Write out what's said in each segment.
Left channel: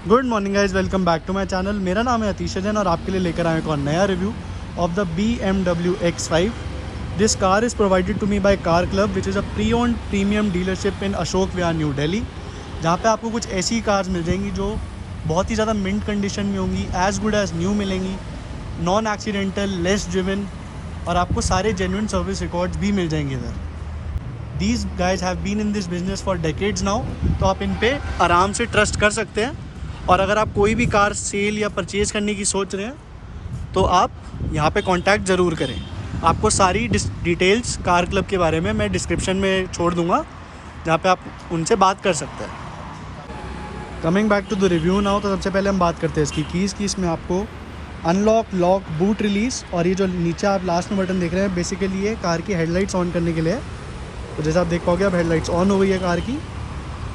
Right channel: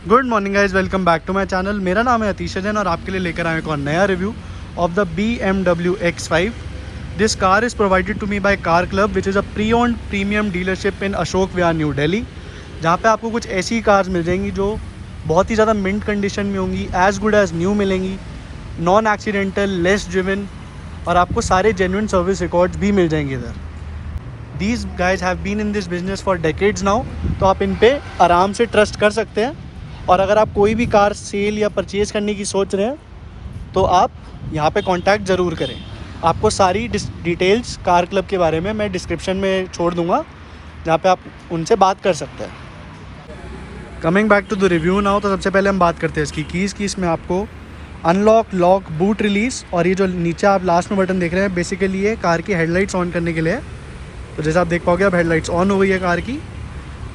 Good morning guys, welcome back to my channel. मेरा नाम है अतीश जैन और आपके लिए लेकर आए एक और नया review of the BMW X5। This car is provided to me by car club which is a pre owned premium dealership in Ashok Vihar new Delhi, जहाँ पे आपको कुछ ऐसी कार्स मिल जाएंगी जो बहुत ही ज़्यादा मिंट कंडीशन में होंगी, एज़ गुड एज़ न्यू मिलेंगी, नॉन एक्सीडेंटल, लेस ड्रिवन, और आपको सारे जेन्युइन सर्विस रिकॉर्ड्स भी मिल जाएंगे इधर। These guys have been in this business for decades now, तो आप इन पे आराम से ट्रस्ट कर सकते हैं। और अगर आप कोई भी कार सेल या परचेज़ करने की सोच रहे हैं तो आप यहाँ पे कांटेक्ट ज़रूर करें। आपको सारी डिटेल्स कार क्लब के बारे में मैं डिस्क्रिप्शन में छोड़ दूँगा, जहाँ पे आप उनसे बात कर सकते हैं। Coming back to the review now, तो सबसे पहले हम बात करते हैं इसकी कीज़ की। इसमें आपको अनलॉक, लॉक, बूट रिलीज़, और ये जो नीचे आप लास्ट में बटन देख रहे हैं बेसिकली ये कार की हेडलाइट्स ऑन करने के लिए है। तो जैसे आप देख पाओगे अब हेडलाइट्स ऑन हो गई है कार की।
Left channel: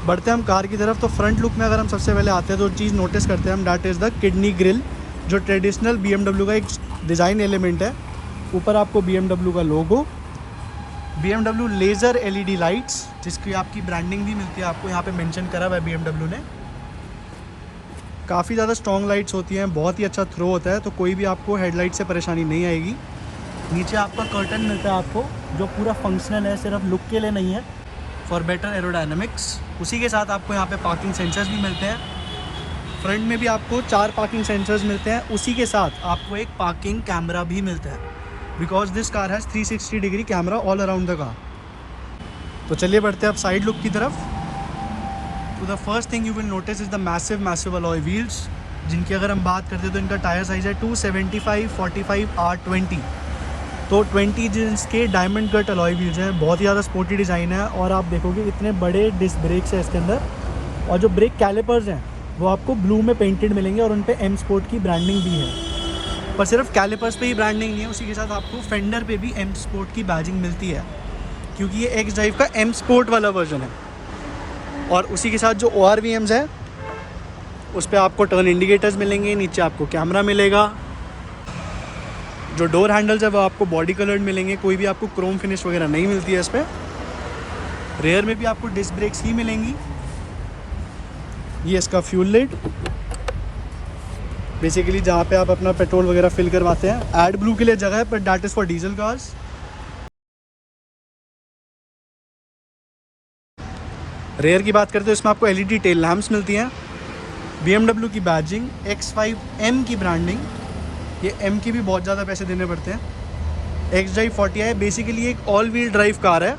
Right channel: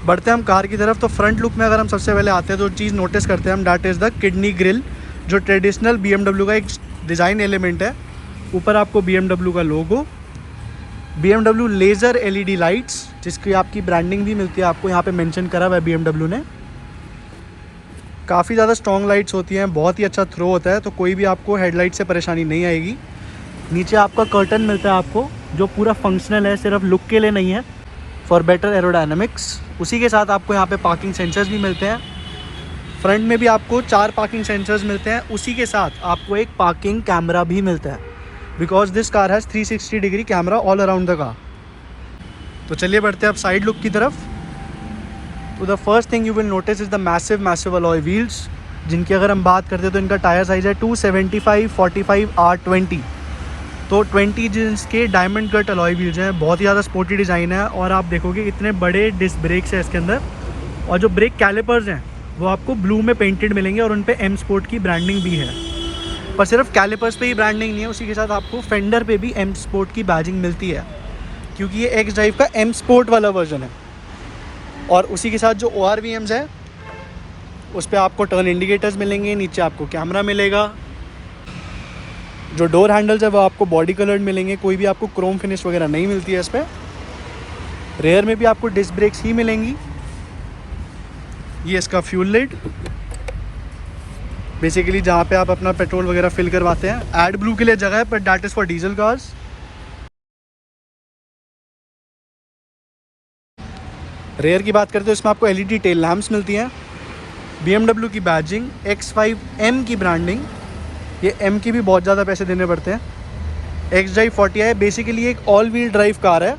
बढ़ते हैं हम कार की तरफ। तो फ्रंट लुक में अगर हम सबसे पहले आते हैं तो चीज़ नोटिस करते हैं हम, that is the kidney grill, जो ट्रेडिशनल BMW का एक डिज़ाइन एलिमेंट है। ऊपर आपको BMW का लोगो, BMW लेज़र LED लाइट्स, जिसकी आपकी ब्रांडिंग भी मिलती है, आपको यहाँ पे मेंशन करा हुआ है BMW ने। काफ़ी ज़्यादा स्ट्रॉन्ग लाइट्स होती हैं, बहुत ही अच्छा थ्रो होता है, तो कोई भी आपको हेडलाइट से परेशानी नहीं आएगी। नीचे आपका कर्टन मिलता है आपको, जो पूरा फंक्शनल है, सिर्फ लुक के लिए नहीं है, फॉर बेटर एरोडायनामिक्स। उसी के साथ आपको यहाँ पे पार्किंग सेंसर्स भी मिलते हैं। फ्रंट में भी आपको 4 पार्किंग सेंसर्स मिलते हैं। उसी के साथ आपको एक पार्किंग कैमरा भी मिलता है, because this car has 360 degree camera all around the car. तो चलिए बढ़ते हैं अब साइड लुक की तरफ। तो the first thing you will notice is the massive alloy wheels, जिनकी अगर हम बात करते हैं तो इनका टायर साइज़ है 275 45 R20। तो 20 इंच के डायमंड कट अलॉय व्हील्स हैं, बहुत ही ज़्यादा स्पोर्टी डिज़ाइन है। और आप देखोगे इतने बड़े डिस्क ब्रेक्स हैं इसके अंदर, और जो ब्रेक कैलिपर्स हैं वो आपको ब्लू में पेंटेड मिलेंगे, और उन पे M स्पोर्ट की ब्रांडिंग भी है। पर सिर्फ कैलिपर्स पे ही ब्रांडिंग नहीं है, उसी के साथ आपको फेंडर पे भी M स्पोर्ट की बैजिंग मिलती है, क्योंकि ये X ड्राइव का M स्पोर्ट वाला वर्जन है। और उसी के साथ जो ORVMs है उस पर आपको टर्न इंडिकेटर्स मिलेंगे, नीचे आपको कैमरा मिलेगा। जो डोर हैंडल्स है वो आपको बॉडी कलर्ड मिलेंगे, कोई भी आपको क्रोम फिनिश वगैरह नहीं मिलती है इस पर। रेयर में भी आपको डिस्क ब्रेक्स ही मिलेंगी। ये इसका फ्यूल लिड, बेसिकली जहाँ पे आप अपना पेट्रोल वगैरह फिल करवाते हैं। एड ब्लू के लिए जगह है, but that is for diesel cars. Rear की बात करते हैं, इसमें आपको LED टेल लैम्प्स मिलती हैं, BMW की बैजिंग, X5M की ब्रांडिंग। ये M की भी बहुत ज़्यादा पैसे देने पड़ते हैं। X ड्राइव 40i बेसिकली एक ऑल व्हील ड्राइव कार है,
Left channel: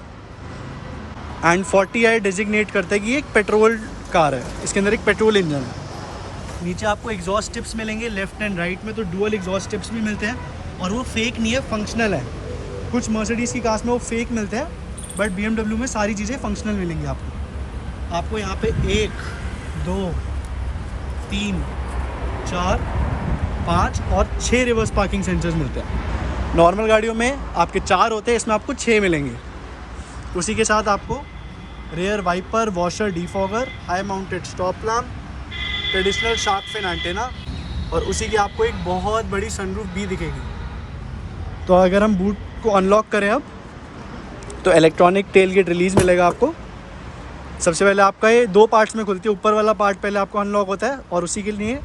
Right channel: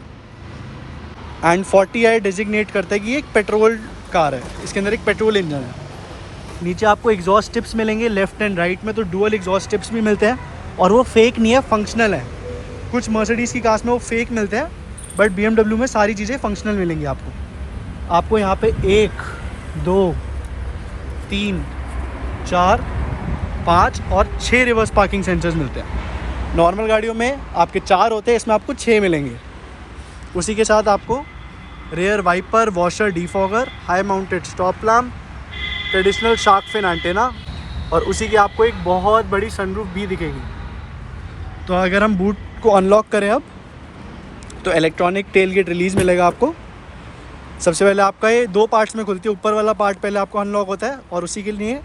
एंड 40i डिजिग्नेट करता है कि ये एक पेट्रोल कार है, इसके अंदर एक पेट्रोल इंजन है। नीचे आपको एग्जॉस्ट टिप्स मिलेंगे लेफ्ट एंड राइट में, तो डुअल एग्जॉस्ट टिप्स भी मिलते हैं, और वो फेक नहीं है, फंक्शनल है। कुछ मर्सिडीज़ की कार्स में वो फेक मिलते हैं, बट BMW में सारी चीज़ें फंक्शनल मिलेंगी आपको यहाँ पे 1 2 3 4 5 और 6 रिवर्स पार्किंग सेंसर्स मिलते हैं। नॉर्मल गाड़ियों में आपके 4 होते हैं, इसमें आपको 6 मिलेंगे। उसी के साथ आपको rear wiper, washer, defogger, high mounted stop lamp, traditional shark fin antenna, और उसी की आपको एक बहुत बड़ी सनरूफ भी दिखेगी। तो अगर हम बूट को अनलॉक करें अब, तो इलेक्ट्रॉनिक टेल गेट रिलीज़ मिलेगा आपको। सबसे पहले आपका ये 2 पार्ट्स में खुलती है। ऊपर वाला पार्ट पहले आपको अनलॉक होता है, और उसी के लिए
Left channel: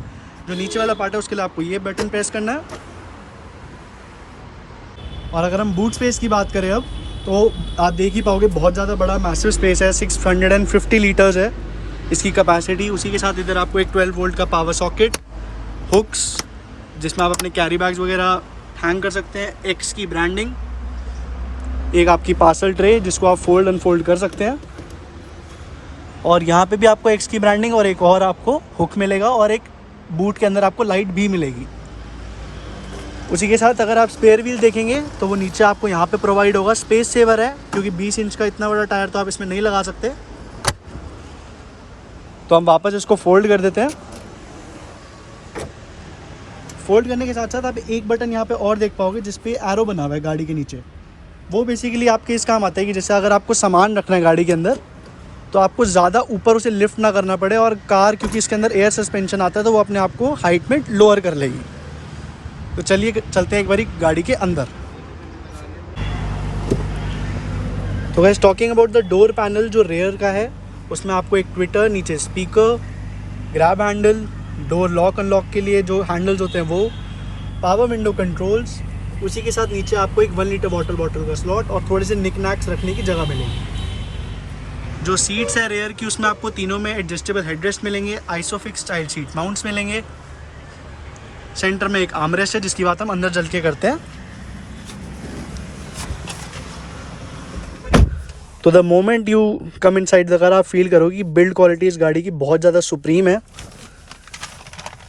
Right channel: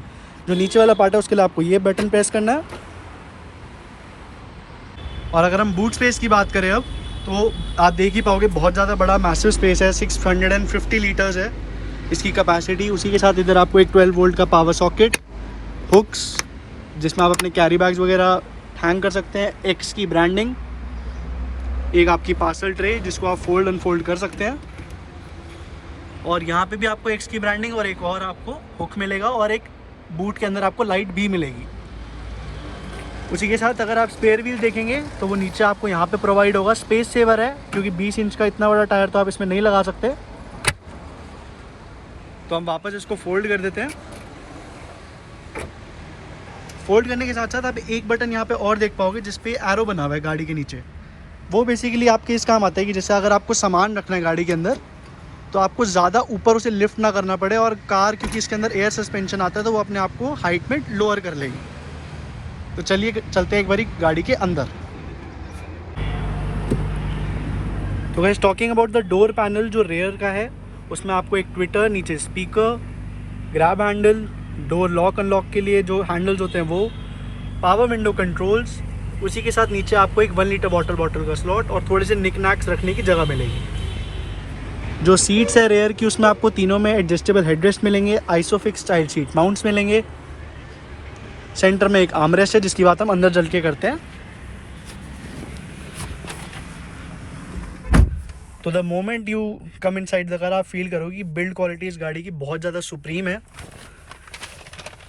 जो नीचे वाला पार्ट है उसके लिए आपको ये बटन प्रेस करना है। और अगर हम बूट स्पेस की बात करें अब, तो आप देख ही पाओगे बहुत ज़्यादा बड़ा मैसिव स्पेस है, 650 लीटर्स है इसकी कैपेसिटी। उसी के साथ इधर आपको एक 12 वोल्ट का पावर सॉकेट, हुक्स जिसमें आप अपने कैरी बैग्स वगैरह हैंग कर सकते हैं, X की ब्रांडिंग, एक आपकी पार्सल ट्रे जिसको आप फोल्ड अनफोल्ड कर सकते हैं, और यहाँ पे भी आपको X की ब्रांडिंग और एक और आपको हुक मिलेगा, और एक बूट के अंदर आपको लाइट भी मिलेगी। उसी के साथ अगर आप स्पेयर व्हील देखेंगे तो वो नीचे आपको यहाँ पे प्रोवाइड होगा। स्पेस सेवर है, क्योंकि 20 इंच का इतना बड़ा टायर तो आप इसमें नहीं लगा सकते। तो हम वापस इसको फोल्ड कर देते हैं। फोल्ड करने के साथ साथ आप एक बटन यहाँ पे और देख पाओगे जिस पे एरो बना हुआ है गाड़ी के नीचे। वो बेसिकली आपके इस काम आता है कि जैसे अगर आपको सामान रखना है गाड़ी के अंदर, तो आपको ज़्यादा ऊपर उसे लिफ्ट ना करना पड़े, और कार क्योंकि इसके अंदर एयर सस्पेंशन आता है तो वो अपने आप को हाइट में लोअर कर लेगी। तो चलिए चलते हैं एक बारी गाड़ी के अंदर। तो guys, talking about the door panel जो रेयर का है, उसमें आपको एक ट्विटर, नीचे speaker, grab handle, door lock unlock के लिए जो हैंडल्स होते हैं वो, पावर विंडो कंट्रोल्स, उसी के साथ नीचे आपको एक 1 लीटर बॉटल का स्लॉट और थोड़े से निकनैक्स रखने की जगह मिलेगी। जो सीट्स है रेयर की, उसमें आपको तीनों में एडजस्टेबल हेडरेस्ट मिलेंगे, आइसोफिक्स स्टाइल सीट माउंट्स मिलेंगे। सेंटर में एक आर्मरेस्ट है जिसकी बात हम अंदर चल के करते हैं। तो the moment you come inside the car आप फील करोगे कि बिल्ड क्वालिटी इस गाड़ी की बहुत ज़्यादा सुप्रीम है।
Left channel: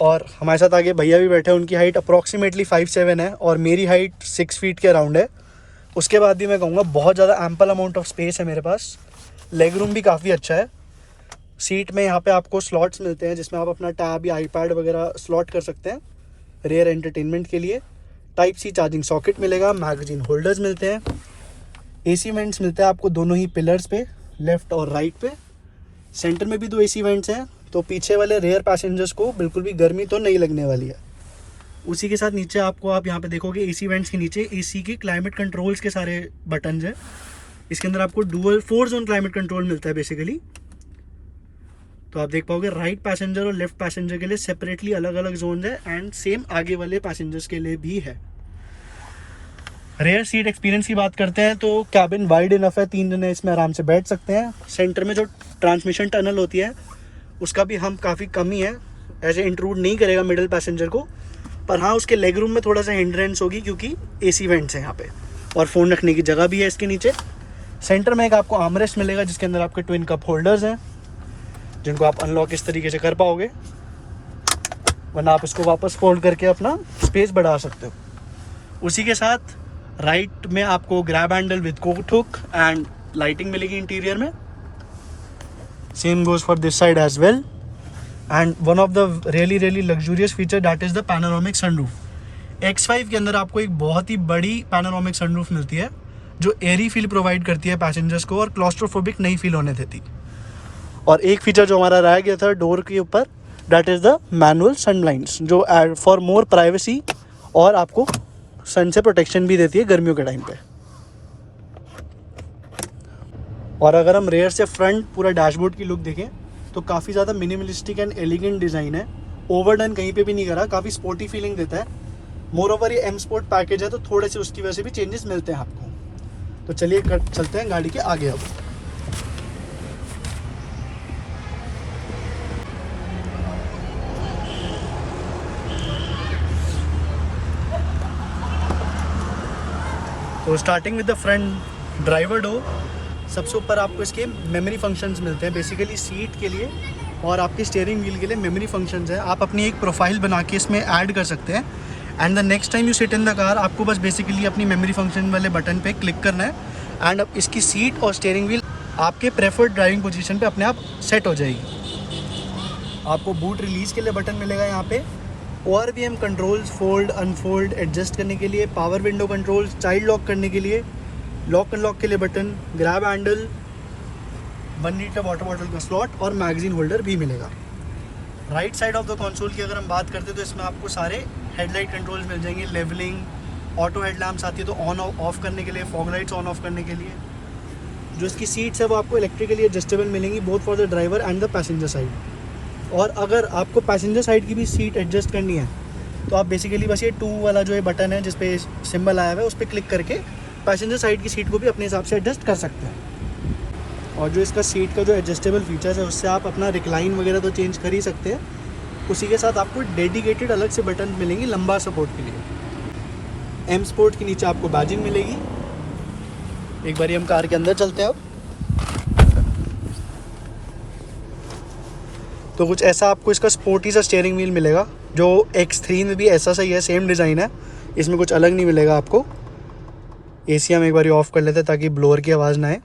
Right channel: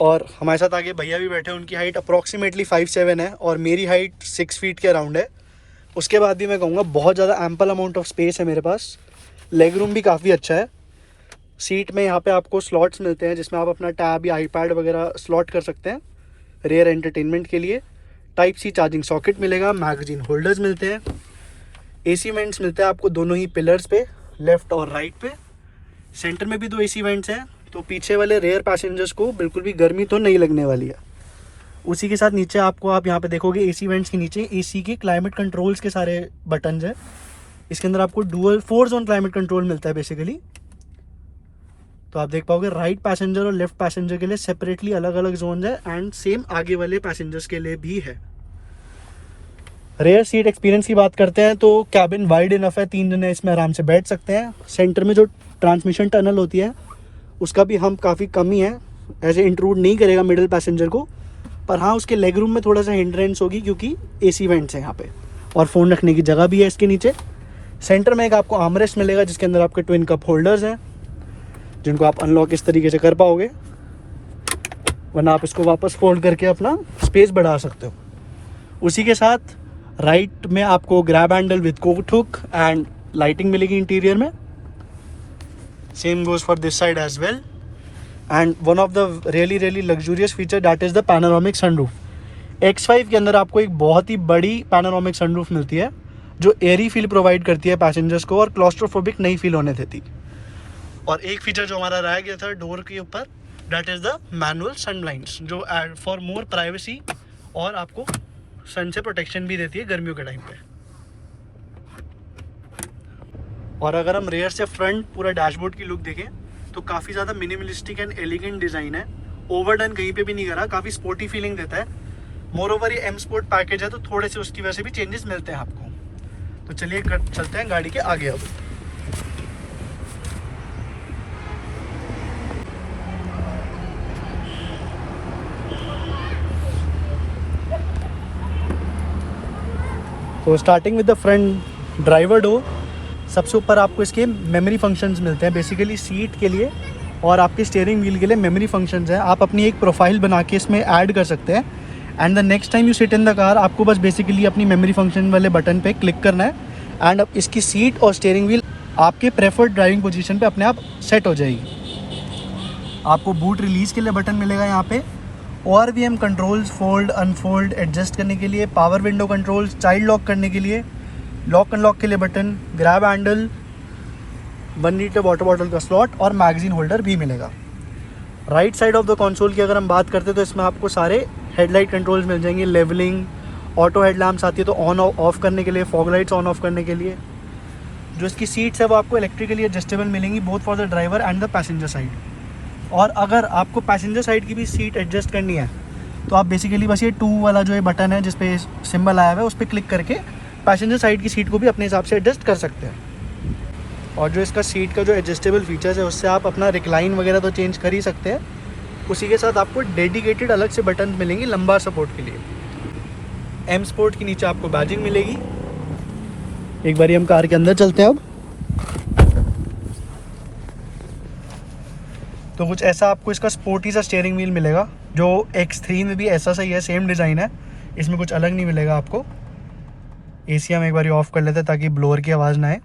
और हमारे साथ आगे भैया भी बैठे हैं, उनकी हाइट अप्रॉक्सीमेटली 5'7" है और मेरी हाइट 6 फीट के अराउंड है। उसके बाद भी मैं कहूँगा बहुत ज़्यादा एम्पल अमाउंट ऑफ स्पेस है मेरे पास। लेग रूम भी काफ़ी अच्छा है। सीट में यहाँ पे आपको स्लॉट्स मिलते हैं जिसमें आप अपना टैब या आईपैड वगैरह स्लॉट कर सकते हैं रेयर एंटरटेनमेंट के लिए। टाइप सी चार्जिंग सॉकेट मिलेगा, मैगजीन होल्डर्स मिलते हैं, एसी वेंट्स मिलते हैं आपको दोनों ही पिलर्स पे, लेफ़्ट और राइट पे। सेंटर में भी 2 एसी वेंट्स हैं, तो पीछे वाले रेयर पैसेंजर्स को बिल्कुल भी गर्मी तो नहीं लगने वाली है। उसी के साथ नीचे आपको आप यहाँ पे देखोगे एसी वेंट्स के नीचे एसी के क्लाइमेट कंट्रोल्स के सारे बटन्स हैं। इसके अंदर आपको डुअल 4 जोन क्लाइमेट कंट्रोल मिलता है बेसिकली। तो आप देख पाओगे राइट पैसेंजर और लेफ्ट पैसेंजर के लिए सेपरेटली अलग अलग जोन है एंड सेम आगे वाले पैसेंजर्स के लिए भी है। रेयर सीट एक्सपीरियंस की बात करते हैं तो कैबिन वाइड इनफ है, 3 जने इसमें आराम से बैठ सकते हैं। सेंटर में जो ट्रांसमिशन टनल होती है उसका भी हम काफ़ी कमी है, ऐसे इंट्रूड नहीं करेगा मिडिल पैसेंजर को, पर हाँ उसके लेग रूम में थोड़ा सा हिंड्रेंस होगी क्योंकि एसी वेंट्स हैं यहाँ पे और फ़ोन रखने की जगह भी है इसके नीचे। सेंटर में एक आपको आर्मरेस्ट मिलेगा जिसके अंदर आपके ट्विन कप होल्डर्स हैं जिनको आप अनलॉक इस तरीके से कर पाओगे, वरना आप इसको वापस फोल्ड करके अपना स्पेस बढ़ा सकते हो। उसी के साथ राइट में आपको grab handle with coat hook and lighting मिलेगी इंटीरियर में। Same goes for this side as well. And one of the really luxurious feature that is the panoramic sunroof. X5 के अंदर आपको एक बहुत ही बड़ी पैनोरामिक सनरूफ मिलती है जो एयरी फील प्रोवाइड करती है पैसेंजर्स को और क्लॉस्ट्रोफोबिक नहीं फील होने देती। और एक फीचर जो हमारा रह गया था डोर के ऊपर, that is the manual sun blinds जो फॉर मोर प्राइवेसी और आपको सन से प्रोटेक्शन भी देती है गर्मियों के टाइम पे। और अगर हम रेयर से फ्रंट पूरा डैशबोर्ड की लुक देखें तो काफ़ी ज़्यादा मिनिमलिस्टिक एंड एलिगेंट डिज़ाइन है, ओवरडन कहीं पे भी नहीं करा, काफ़ी स्पोर्टी फीलिंग देता है। मोर ओवर ये एम स्पोर्ट पैकेज है तो थोड़े से उसकी वजह से भी चेंजेस मिलते हैं आपको। तो चलिए चलते हैं गाड़ी के आगे। अब तो starting with the front driver door, सबसे ऊपर आपको इसके मेमोरी फंक्शंस मिलते हैं बेसिकली सीट के लिए और आपके स्टीयरिंग व्हील के लिए मेमोरी फंक्शंस हैं। आप अपनी एक प्रोफाइल बना के इसमें ऐड कर सकते हैं and the next time you sit in the car आपको बस बेसिकली अपनी मेमोरी फंक्शन वाले बटन पे क्लिक करना है एंड अब इसकी सीट और स्टीयरिंग व्हील आपके प्रेफर्ड ड्राइविंग पोजीशन पे अपने आप सेट हो जाएगी। आपको बूट रिलीज़ के लिए बटन मिलेगा यहाँ पे, ORVM controls fold unfold adjust करने के लिए, power window controls, child lock करने के लिए, लॉक अनलॉक के लिए button, grab handle, 1 litre water bottle का स्लॉट और मैगजीन होल्डर भी मिलेगा। Right side of the console की अगर हम बात करते हैं तो इसमें आपको सारे हेडलाइट कंट्रोल्स मिल जाएंगे, लेवलिंग, ऑटो हेडलैम्प्स आती है तो ऑन ऑफ करने के लिए, फॉग लाइट्स ऑन ऑफ करने के लिए। जो इसकी सीट्स है वो आपको इलेक्ट्रिकली एडजस्टेबल मिलेंगी both for the driver and the passenger side. और अगर आपको पैसेंजर साइड की भी सीट एडजस्ट करनी है तो आप बेसिकली बस ये 2 वाला जो ये बटन है जिस पे सिंबल आया हुआ है उस पर क्लिक करके पैसेंजर साइड की सीट को भी अपने हिसाब से एडजस्ट कर सकते हैं। और जो इसका सीट का जो एडजस्टेबल फीचर्स है उससे आप अपना रिक्लाइन वगैरह तो चेंज कर ही सकते हैं। उसी के साथ आपको डेडिकेटेड अलग से बटन मिलेंगी लंबा सपोर्ट के लिए। एम स्पोर्ट के नीचे आपको बैजिंग मिलेगी। एक बार हम कार के अंदर चलते हैं अब। तो कुछ ऐसा आपको इसका स्पोर्टी सा स्टीयरिंग व्हील मिलेगा जो X3 में भी ऐसा सही है, सेम डिज़ाइन है, इसमें कुछ अलग नहीं मिलेगा आपको। एसी हम एक बार ऑफ कर लेते हैं ताकि ब्लोअर की आवाज़ ना आए।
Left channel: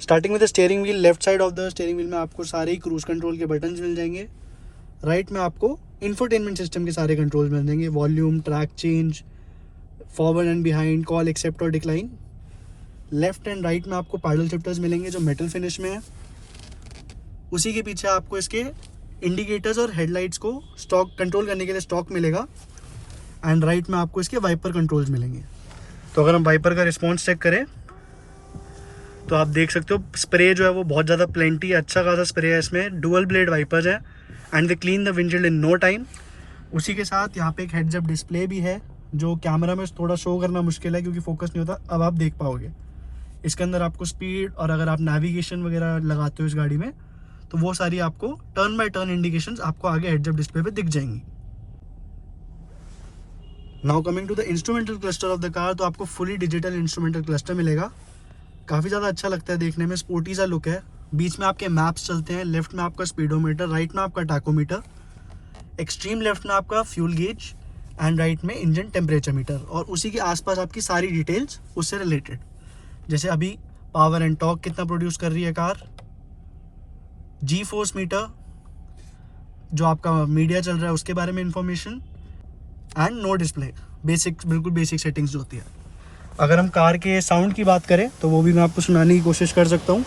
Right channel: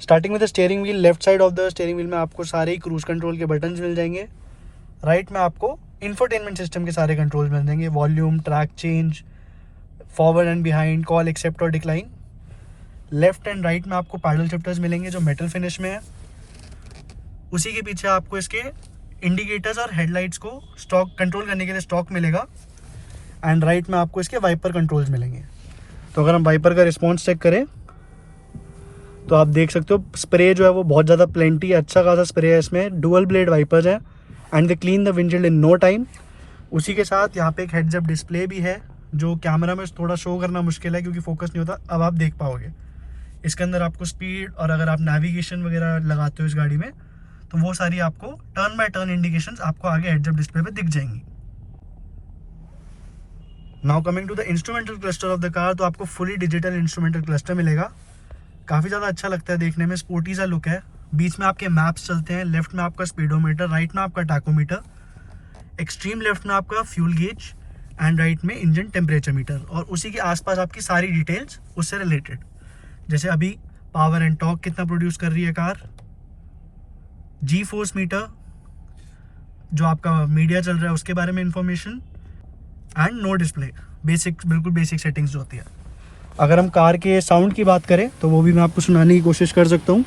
स्टार्टिंग में the steering wheel, left side of the steering wheel में आपको सारे ही क्रूज कंट्रोल के बटन्स मिल जाएंगे। राइट में आपको इंफोटेनमेंट सिस्टम के सारे कंट्रोल्स मिल जाएंगे, volume, track change, forward and behind, call accept और डिक्लाइन। लेफ्ट एंड राइट में आपको पैडल शिफ्टर्स मिलेंगे जो मेटल फिनिश में है। उसी के पीछे आपको इसके इंडिकेटर्स और हेडलाइट्स को स्टॉक कंट्रोल करने के लिए स्टॉक मिलेगा एंड राइट में आपको इसके वाइपर कंट्रोल्स मिलेंगे। तो अगर हम वाइपर का रिस्पॉन्स चेक करें तो आप देख सकते हो स्प्रे जो है वो बहुत ज़्यादा प्लेंटी अच्छा खासा स्प्रे है इसमें। डुअल ब्लेड वाइपर्स हैं and they clean the windshield in no time. उसी के साथ यहाँ पे एक हेड्स अप डिस्प्ले भी है जो कैमरा में थोड़ा शो करना मुश्किल है क्योंकि फोकस नहीं होता, अब आप देख पाओगे। इसके अंदर आपको स्पीड और अगर आप नेविगेशन वगैरह लगाते हो इस गाड़ी में तो वो सारी आपको टर्न बाय टर्न इंडिकेशंस आपको आगे हेड्स अप डिस्प्ले पे दिख जाएंगी। Now coming to the instrumental cluster of the car, तो आपको फुली डिजिटल इंस्ट्रूमेंटल क्लस्टर मिलेगा। काफ़ी ज़्यादा अच्छा लगता है देखने में, स्पोर्टी सा लुक है। बीच में आपके मैप्स चलते हैं, लेफ्ट में आपका स्पीडोमीटर, राइट में आपका टैकोमीटर, एक्सट्रीम लेफ्ट में आपका फ्यूल गेज एंड राइट में इंजन टेम्परेचर मीटर, और उसी के आसपास आपकी सारी डिटेल्स उससे रिलेटेड, जैसे अभी पावर एंड टॉर्क कितना प्रोड्यूस कर रही है कार, जी फोर्स मीटर जो आपका मीडिया चल रहा है उसके बारे में information, and no display, basic, बिल्कुल बेसिक सेटिंग्स जो होती है। अगर हम कार के साउंड की बात करें तो वो भी मैं आपको सुनाने की कोशिश कर सकता हूँ।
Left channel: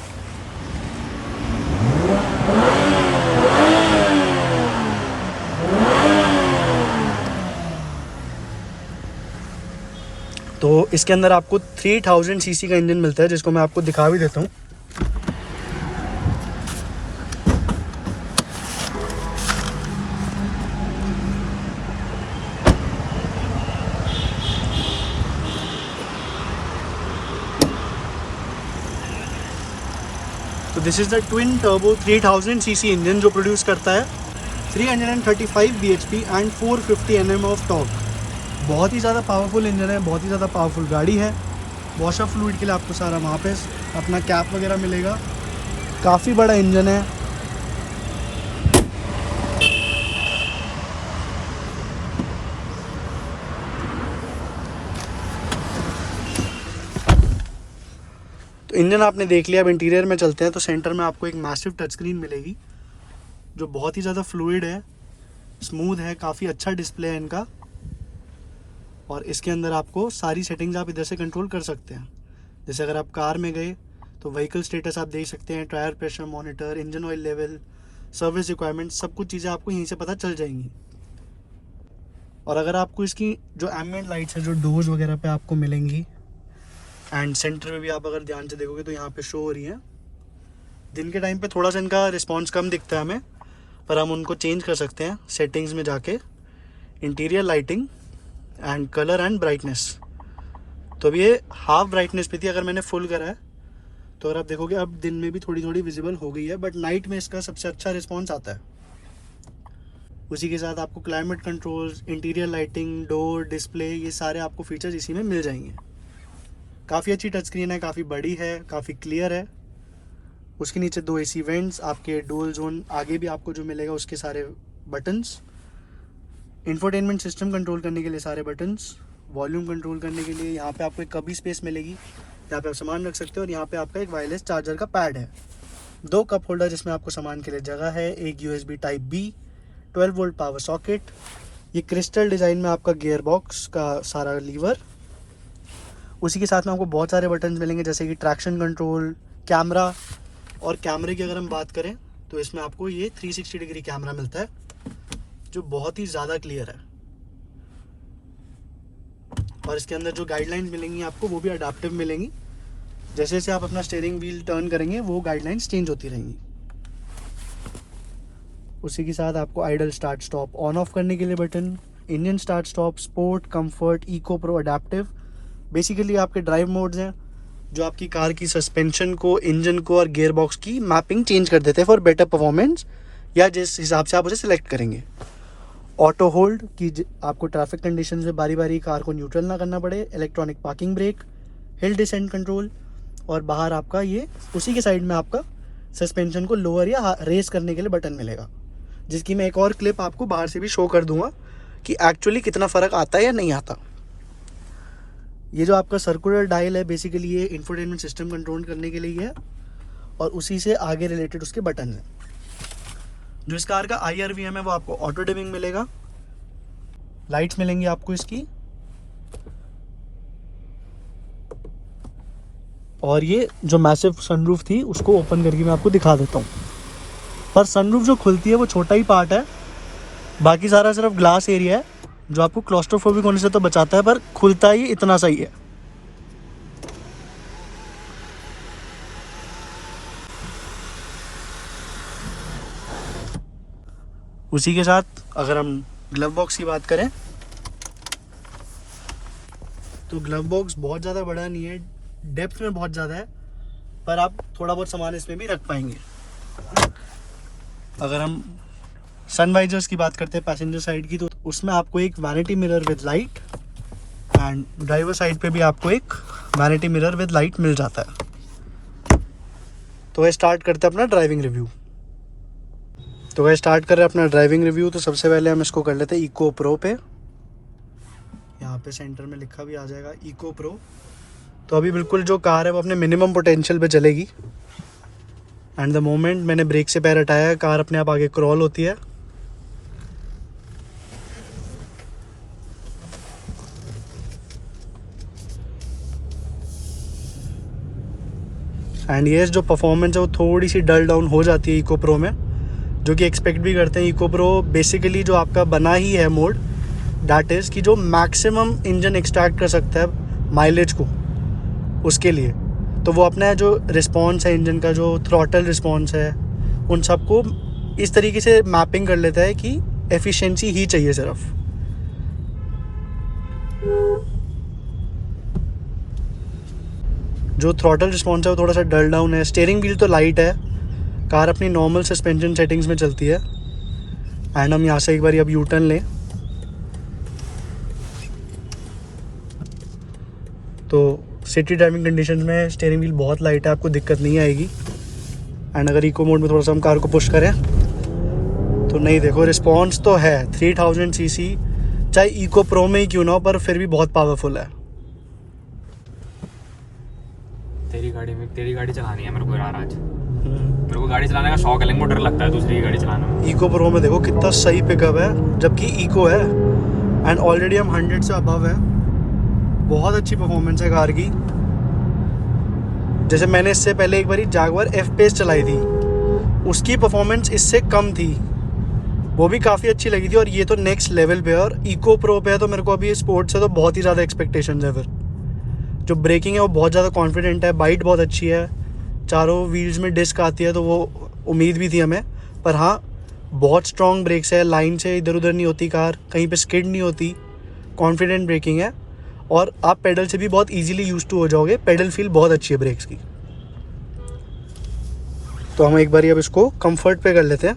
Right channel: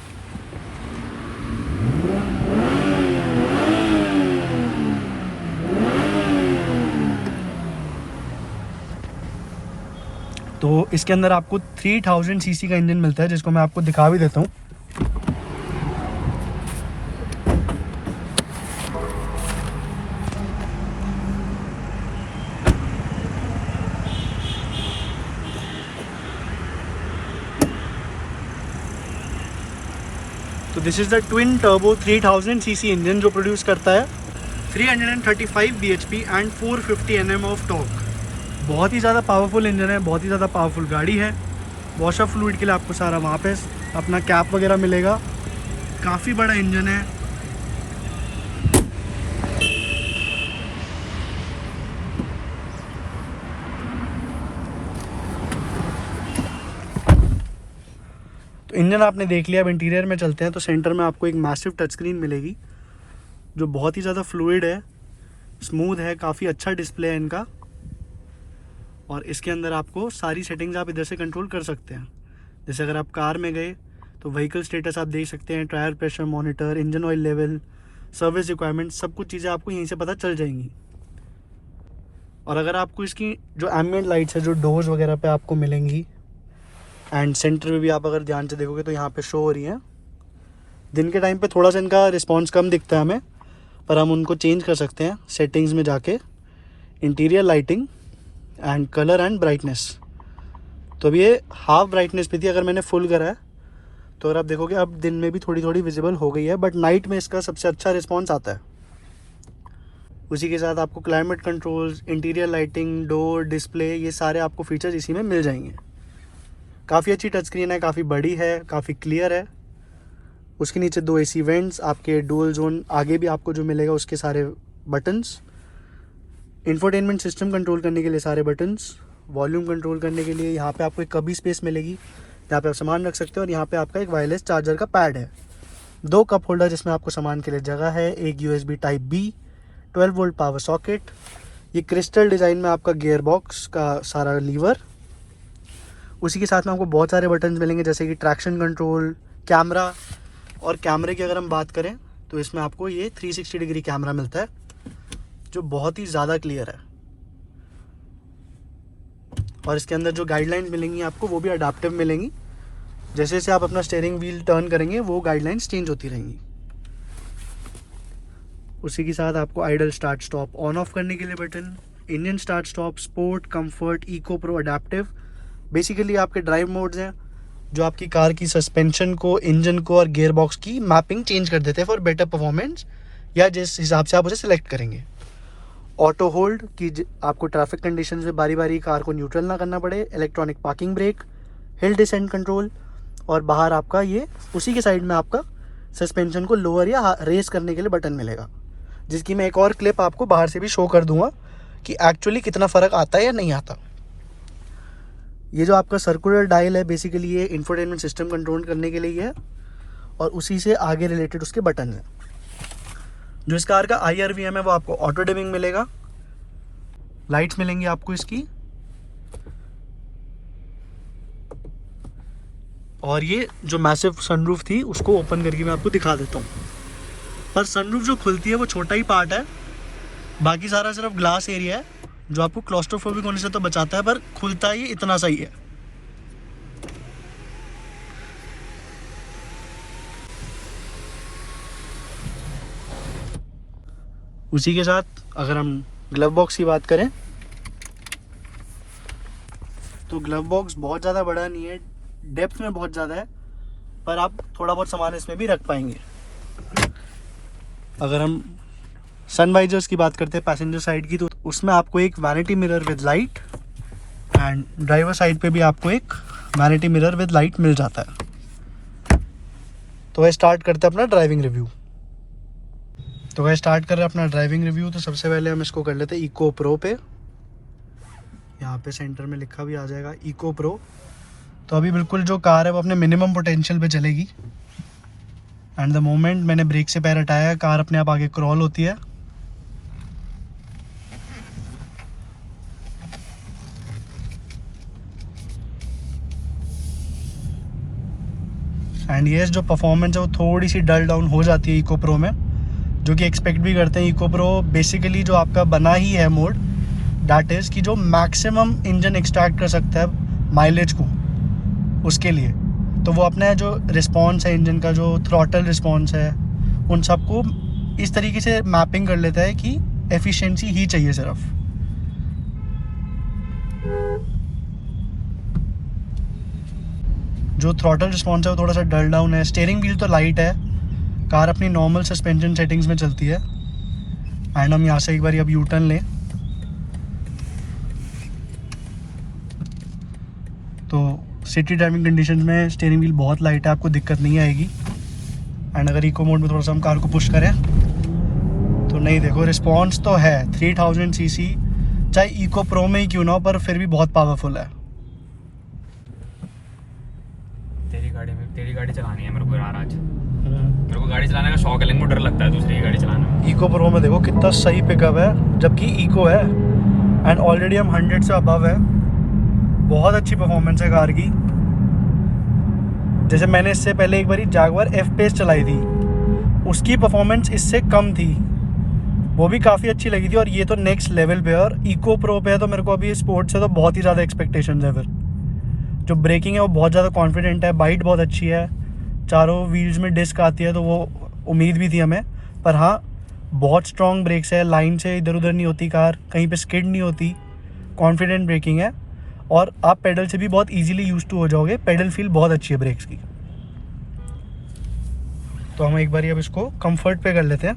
तो इसके अंदर आपको 3000 सीसी का इंजन मिलता है जिसको मैं आपको दिखा भी देता हूँ। तो this is the twin turbo 3000 CC engine जो प्रोड्यूस करता है 335 bhp and 450 Nm of torque. बहुत ही ज़्यादा पावरफुल इंजन है, बहुत ही ज़्यादा पावरफुल गाड़ी है। वॉश ऑफ फ्लूइड के लिए आपको सारा वहाँ पे अपना कैप वगैरह मिलेगा। काफ़ी बड़ा इंजन है। तो इंजन आपने देख लिया, अब इंटीरियर में चलते हैं। तो सेंटर में आपको एक मैसिव टच स्क्रीन मिलेगी जो बहुत ही ज़्यादा फ्लूइड है, स्मूथ है, काफ़ी अच्छा डिस्प्ले है इनका। और इसके अंदर आपको सारी सेटिंग्स आप इधर से कंट्रोल कर सकते हैं। जैसे अगर आप कार में गए तो व्हीकल स्टेटस आप देख सकते हैं, tyre pressure monitor, engine oil level, service requirement, सब कुछ चीज़ें आपको यहीं से पता चल जाएंगी। और अगर आपको इसकी जो एम्बिएंट लाइट्स है जो डोर्स वगैरह पे आपको मिलेंगी, एंड सेंटर में भी आप अगर ध्यान से देखोगे तो यहाँ पे शो हो रही हैं। दिन के टाइम पे थोड़ा सा इनका रिस्पॉन्स कम दिखता है हमें, पर हम उनको चेंज कर सकते हैं सेटिंग्स में जाके, interior lighting and colour and brightness. तो अब ये हाफ ब्राइटनेस पे थी, अगर मैंने फुल करा है तो अगर आप देखोगे अब दिन में भी थोड़ी थोड़ी विजिबल हो गई है, बट नाइट में इसका सबसे अच्छा रिस्पॉन्स आता है। उसी के साथ आपको climate control, interior lighting, door, display, ये सारे आपको फीचर्स इसी में मिल जाएंगे। काफ़ी अच्छी टच स्क्रीन है, काफ़ी बड़ी है, काफ़ी क्लियर है। उसके नीचे 2 AC वेंट्स, आपके डुअल जोन आगे भी आपको जो मिलेगा उसके सारे बटन्स, इंफोटेनमेंट सिस्टम कंट्रोल करने के लिए सारे बटन्स, वॉल्यूम कंट्रोल करने के लिए यहाँ पे आपको एक कभी स्पेस मिलेगी, यहाँ पे आप सामान रख सकते हो। और यहाँ पे आपका एक वायरलेस चार्जर का पैड है, 2 कप होल्डर जिसमें आपको सामान के लिए जगह है, एक USB type B, 12 volt power socket, ये क्रिस्टल डिज़ाइन में आपका गियर बॉक्स का सारा लीवर। उसी के साथ में आपको बहुत सारे बटन मिलेंगे जैसे कि ट्रैक्शन कंट्रोल, कैमरा। और कैमरे की अगर हम बात करें तो इसमें आपको ये 360 डिग्री कैमरा मिलता है जो बहुत ही ज़्यादा क्लियर है। और इसके अंदर जो गाइडलाइंस मिलेंगी आपको वो भी अडाप्टिव मिलेंगी, जैसे जैसे आप अपना स्टीयरिंग व्हील टर्न करेंगे वो गाइडलाइंस चेंज होती रहेंगी। उसी के साथ आपको idle start stop on off करने के लिए button, engine start stop, sport, comfort, eco, pro, adaptive, basically आपके ड्राइव मोड्स हैं जो आपकी कार की सस्पेंशन को, इंजन को और गियर बॉक्स की मैपिंग चेंज कर देते हैं फॉर बेटर परफॉर्मेंस, या जिस हिसाब से आप उसे सिलेक्ट करेंगे। ऑटो होल्ड की आपको ट्रैफिक कंडीशन में बारी बारी कार को न्यूट्रल ना करना पड़े, electronic parking brake, hill descent control, और बाहर आपका ये उसी के साइड में आपका सस्पेंशन को लोअर या रेस करने के लिए बटन मिलेगा, जिसकी मैं एक और क्लिप आपको बाहर से भी शो कर दूंगा कि एक्चुअली कितना फ़र्क आता है या नहीं आता। ये जो आपका सर्कुलर डायल है बेसिकली ये इंफोटेनमेंट सिस्टम कंट्रोल करने के लिए है, और उसी से आगे रिलेटेड उसके बटन है। जो इस कार का IRVM है वो आपको ऑटो डिमिंग मिलेगा, लाइट्स मिलेंगी आपको इसकी, और ये जो मैसिव सनरूफ थी उसको ओपन करके मैं आपको दिखा देता हूँ। पर सनरूफ जो खुलती है वो छोटा ही पार्ट है, बाकी सारा सिर्फ ग्लास एरिया है जो आपको क्लॉस्ट्रोफोबिक होने से तो बचाता है, पर खुलता ही इतना सही है। उसी के साथ अगर हम ग्लव बॉक्स की बात करें तो ग्लव बॉक्स बहुत ज़्यादा बड़ा नहीं है, डेप्थ में बहुत ज़्यादा है, पर आप थोड़ा बहुत सामान इसमें भी रख पाएंगे। अगर हम सन वाइजर्स की बात करते हैं पैसेंजर साइड की, तो उसमें आपको एक vanity mirror with light and driver side पे भी आपको एक वैनिटी मिरर विद लाइट मिल जाता है। तो वह स्टार्ट करते हैं अपना ड्राइविंग रिव्यू। तो सबसे पहले हम इसको कर लेते हैं इको प्रो पे। यहाँ पे सेंटर में लिखा भी आ जाएगा इको प्रो। तो अभी बिल्कुल जो कार है वो अपने मिनिमम पोटेंशियल पे चलेगी एंड द मोमेंट मैंने ब्रेक से पैर हटाया है, कार अपने आप आगे क्रॉल होती है। एंड ये जो परफॉर्मेंस है वो थोड़ी सी डल डाउन हो जाती है इको प्रो में, जो कि एक्सपेक्ट भी करते हैं। इको प्रो बेसिकली जो आपका बना ही है मोड, दैट इज़ कि जो मैक्सिमम इंजन एक्सट्रैक्ट कर सकता है माइलेज को, उसके लिए तो वो अपना जो रिस्पॉन्स है इंजन का, जो थ्रॉटल रिस्पॉन्स है, उन सबको इस तरीके से मैपिंग कर लेता है कि एफिशिएंसी ही चाहिए सिर्फ। जो थ्रॉटल रिस्पॉन्स है वो थोड़ा सा डल डाउन है। स्टीयरिंग व्हील तो लाइट है, कार अपनी नॉर्मल सस्पेंशन सेटिंग्स में चलती है। एंड हम यहाँ से एक बार अब यू टर्न लें तो सिटी ड्राइविंग कंडीशंस में स्टीयरिंग व्हील बहुत लाइट है, आपको दिक्कत नहीं आएगी। एंड अगर इको मोड में थोड़ा सा हम कार को पुश करें तो नहीं, देखो रिस्पॉन्स तो है 3000 सीसी, चाहे इको प्रो में ही क्यों ना हो, पर फिर भी बहुत पावरफुल है। तेरी गाड़ी चलानी है मेरे को यार आज। मेरे को गाड़ी चलाने का शौक है, लेकिन मुझे डर लगता है दूसरी गाड़ी चलाने में। इको प्रो में देखो कितना सही पिकअप है, जबकि इको है एंड ऑलरेडी हम 100 से अबव है। बहुत अच्छी परफॉर्मेंस है कार की। जैसे मैंने इससे पहले एक बारी जैगवार एफ पेस चलाई थी, उसकी परफॉर्मेंस इससे कम थी, वो भी काफ़ी अच्छी लगी थी। और ये तो नेक्स्ट लेवल पे है, और इको प्रो पे है, तो मेरे को अभी स्पोर्ट्स से तो बहुत ही ज़्यादा एक्सपेक्टेशंस है। फिर जो ब्रेकिंग है वो बहुत ज़्यादा कॉन्फिडेंट है, बाइट बहुत अच्छी है, चारों व्हील्स में डिस्क आती है, तो वो उम्मीद भी थी हमें। पर हाँ, बहुत स्ट्रॉन्ग ब्रेक्स है, लाइन से इधर उधर नहीं होती कार, कहीं पे स्किड नहीं होती, कॉन्फिडेंट ब्रेकिंग है, और आप पेडल से भी बहुत इजीली यूज टू हो जाओगे। पेडल फील बहुत अच्छी है ब्रेक्स की। तो हम एक बार अब इसको कंफर्ट पे कर लेते हैं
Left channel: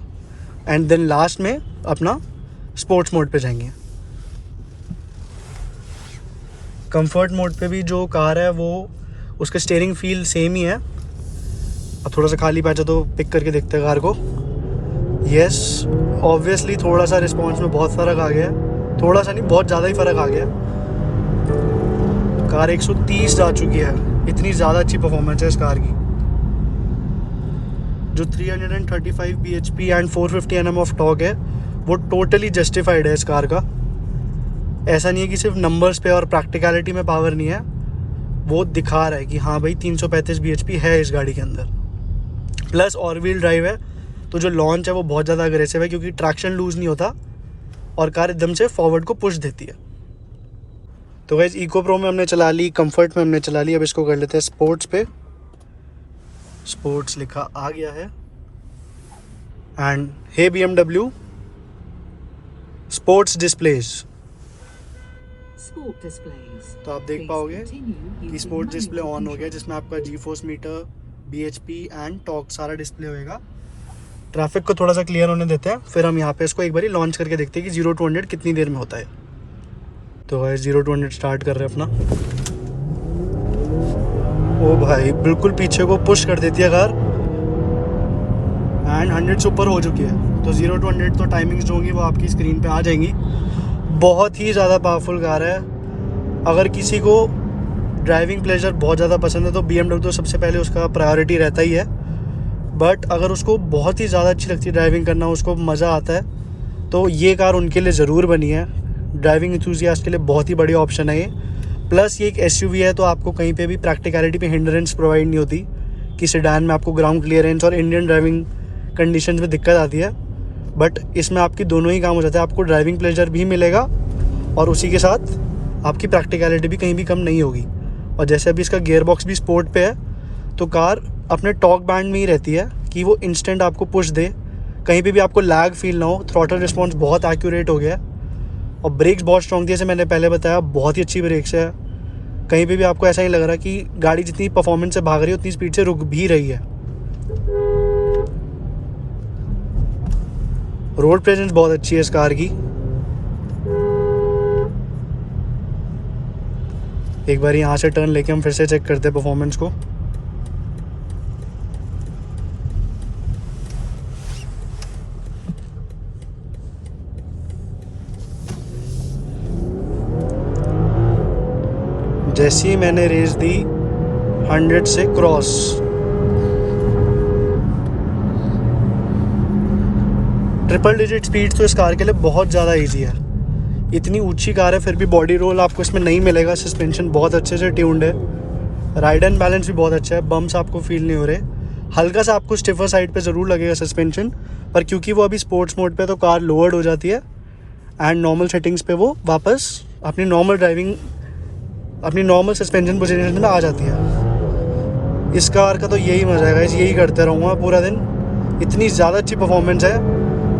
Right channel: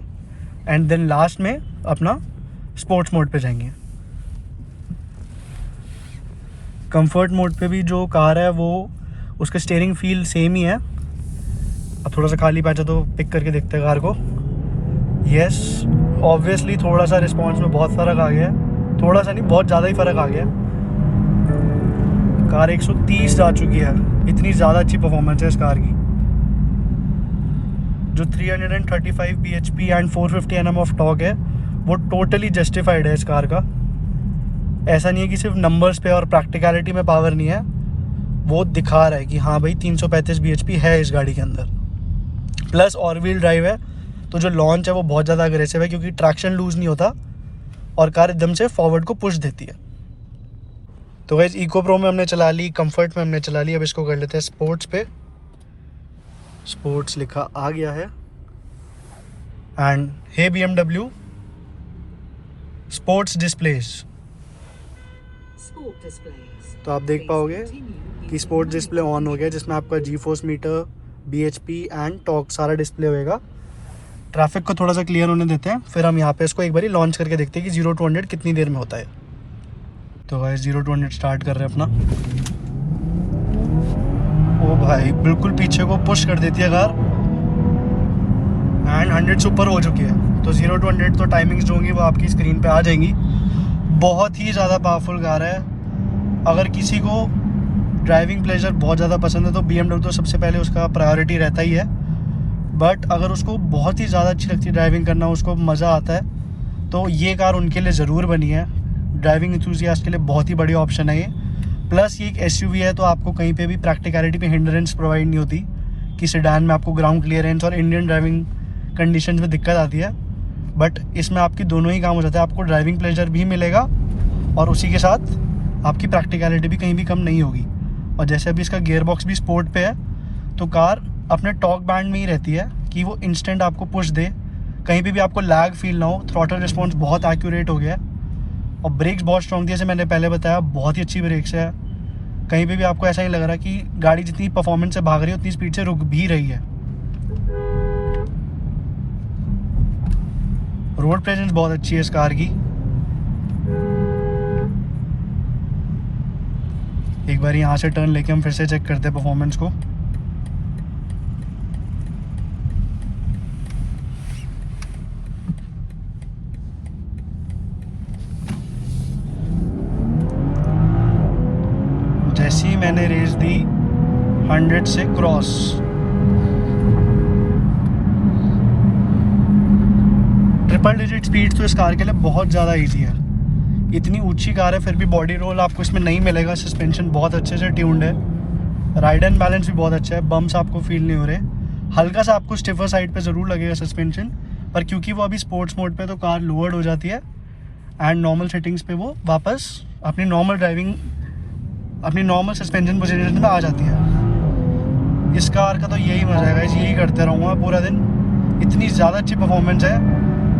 एंड देन लास्ट में अपना स्पोर्ट्स मोड पे जाएंगे। कंफर्ट मोड पे भी जो कार है वो उसका स्टीयरिंग फील सेम ही है। अब थोड़ा सा खाली पैचा तो पिक करके देखते हैं कार को। यस, ऑब्वियसली थोड़ा सा रिस्पॉन्स में बहुत फ़र्क आ गया है, थोड़ा सा नहीं बहुत ज़्यादा ही फ़र्क आ गया। कार 130 जा चुकी है, इतनी ज़्यादा अच्छी परफॉर्मेंस है इस कार की। जो 335 bhp and 450 Nm of torque है वो टोटली जस्टिफाइड है इस कार का। ऐसा नहीं है कि सिर्फ नंबर्स पे और प्रैक्टिकलिटी में पावर नहीं है, वो दिखा रहा है कि हाँ भाई 335 bhp है इस गाड़ी के अंदर। प्लस और व्हील ड्राइव है, तो जो लॉन्च है वो बहुत ज़्यादा अग्रेसिव है, क्योंकि ट्रैक्शन लूज़ नहीं होता और कार एकदम से फॉरवर्ड को पुश देती है। तो गाइस इको प्रो में हमने चला ली, कंफर्ट में हमने चला ली, अब इसको कर लेते हैं स्पोर्ट्स पे। स्पोर्ट्स लिखा आ गया है and hey BMW sports displays. तो आप देख पाओगे कि स्पोर्ट्स डिस्प्ले ऑन हो गया, जिसमें आपका G-force meter, bhp and torque सारा डिस्प्ले होएगा। ट्रैफिक को थोड़ा सा क्लियर होने देते हैं, फिर हम यहाँ पे इसको एक बारी लॉन्च करके देखते हैं कि 0 to 100 कितनी देर में होता है। तो भाई 0 to 100 स्टार्ट कर रहे हैं अपना। ओ भाई बिल्कुल पीछे को पुश कर देती है कार एंड 100 से ऊपर हो चुकी है। तो 0 to 100 तो टाइमिंग्स जो होंगी वो आपकी स्क्रीन पे आ जाएंगी। बहुत ही ज़्यादा पावरफुल कार है। अगर किसी को ड्राइविंग प्लेजर बहुत ज़्यादा पसंद है तो BMW तो सबसे पहले उसका प्रायोरिटी रहता ही है। बट अगर उसको बहुत ही ज़्यादा अच्छी लगती है ड्राइविंग करना, उसको मज़ा आता है, तो ये कार उनके लिए ज़रूर बनी है। ड्राइविंग एंथुसियास्ट के लिए बहुत ही बढ़िया ऑप्शन है ये। प्लस ये एक SUV है, तो आपको कहीं पे भी प्रैक्टिकलिटी पे हिंड्रेंस प्रोवाइड नहीं होती कि सेडान में आपको ग्राउंड क्लियरेंस और इंडियन ड्राइविंग कंडीशंस में दिक्कत आती है। बट इसमें आपकी दोनों ही काम हो जाते हैं, आपको ड्राइविंग प्लेजर भी मिलेगा और उसी के साथ आपकी प्रैक्टिकलिटी भी कहीं भी कम नहीं होगी। और जैसे अभी इसका गियर बॉक्स भी स्पोर्ट पे है, तो कार अपने टॉर्क बैंड में ही रहती है कि वो इंस्टेंट आपको पुश दे कहीं पे भी आपको लैग फील ना हो। थ्रॉटल रिस्पॉन्स बहुत एक्यूरेट हो गया है और ब्रेक्स बहुत स्ट्रॉन्ग थी, जैसे मैंने पहले बताया, बहुत ही अच्छी ब्रेक्स है। कहीं पे भी आपको ऐसा नहीं लग रहा कि गाड़ी जितनी परफॉर्मेंस से भाग रही है उतनी स्पीड से रुक भी रही है। रोड प्रेजेंस बहुत अच्छी है इस कार की। एक बार यहाँ से टर्न लेके हम फिर से चेक करते हैं परफॉर्मेंस को। जैसे ही मैंने रेस दी 100 से क्रॉस, ट्रिपल डिजिट स्पीड तो इस कार के लिए बहुत ज़्यादा इजी है। इतनी ऊंची कार है फिर भी बॉडी रोल आपको इसमें नहीं मिलेगा। सस्पेंशन बहुत अच्छे से ट्यून्ड है, राइड एंड बैलेंस भी बहुत अच्छा है, बम्स आपको फील नहीं हो रहे। हल्का सा आपको स्टिफर साइड पे ज़रूर लगेगा सस्पेंशन, पर क्योंकि वो अभी स्पोर्ट्स मोड पे तो कार लोअर्ड हो जाती है एंड नॉर्मल सेटिंग्स पे वो वापस अपनी नॉर्मल सस्पेंशन पोजीशन में आ जाती है। इस कार का तो यही मजा है गाइस, यही करते रहूँगा पूरा दिन। इतनी ज़्यादा अच्छी परफॉर्मेंस है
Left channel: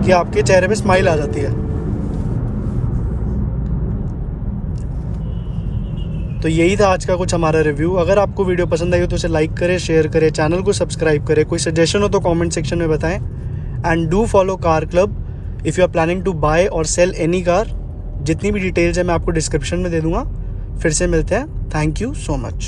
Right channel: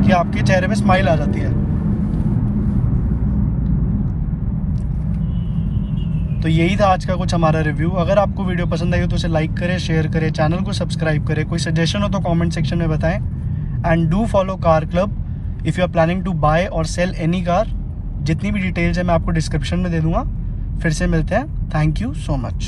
कि आपके चेहरे पे स्माइल आ जाती है। तो यही था आज का कुछ हमारा रिव्यू। अगर आपको वीडियो पसंद आई हो तो उसे लाइक करें, शेयर करें, चैनल को सब्सक्राइब करें। कोई सजेशन हो तो कमेंट सेक्शन में बताएं and do follow car club if you are planning to buy or sell any car. जितनी भी डिटेल्स है मैं आपको डिस्क्रिप्शन में दे दूँगा। फिर से मिलते हैं। Thank you so much.